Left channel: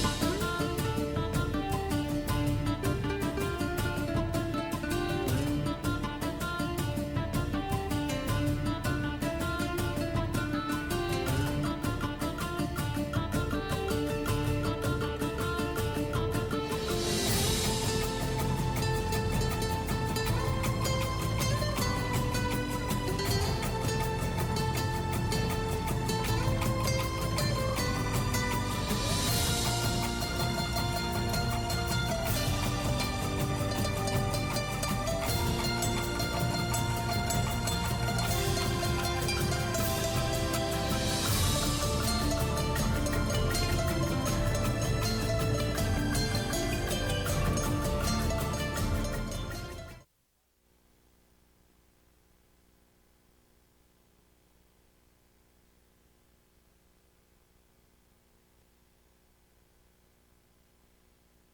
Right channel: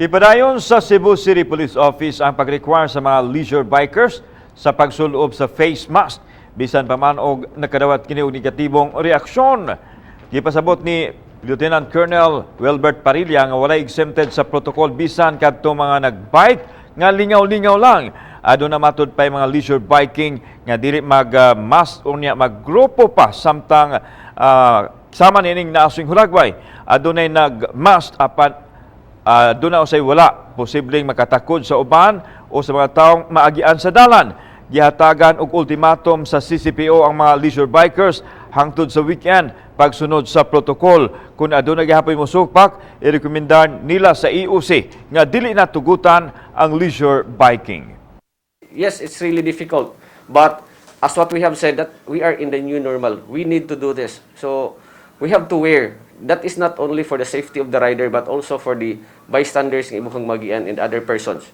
Ipadayon sa Cebu City Police Office ang pag-require sa mga leisure bikers sa pagsulob sa face mask bisan pa man og nakadawat kini og negatibong reaksyon. Gipasabot ni Lieutenant Colonel Wilbert Parilla nga walay exempted sa protocol bisan kadto mga nagbike nga lingaw-lingaw lang. Aduna matud pay mga leisure biking nga dili mag-mask unya maggrupo pa samtang sama nining naasing hulagway. Adunay nag-mask apan doon na usay wala posibleng makatakod sa uban o sa mga taong maagian sa dalan. Gihatagan og ultimatum sa CCPO ang mga leisure bikers hangtod sa weekend pagsunod sa protocol. Kung aduna gihapoy mosupak, irekomendar nila sa EOC nga dili na tugutan ang leisure biking. Yes, it's really difficult, but as what we have said, that we are in the new normal. We need to do this. So we have to wear. That is not only for the safety of the rider but also for the bystanders ng ibang magian and other persons.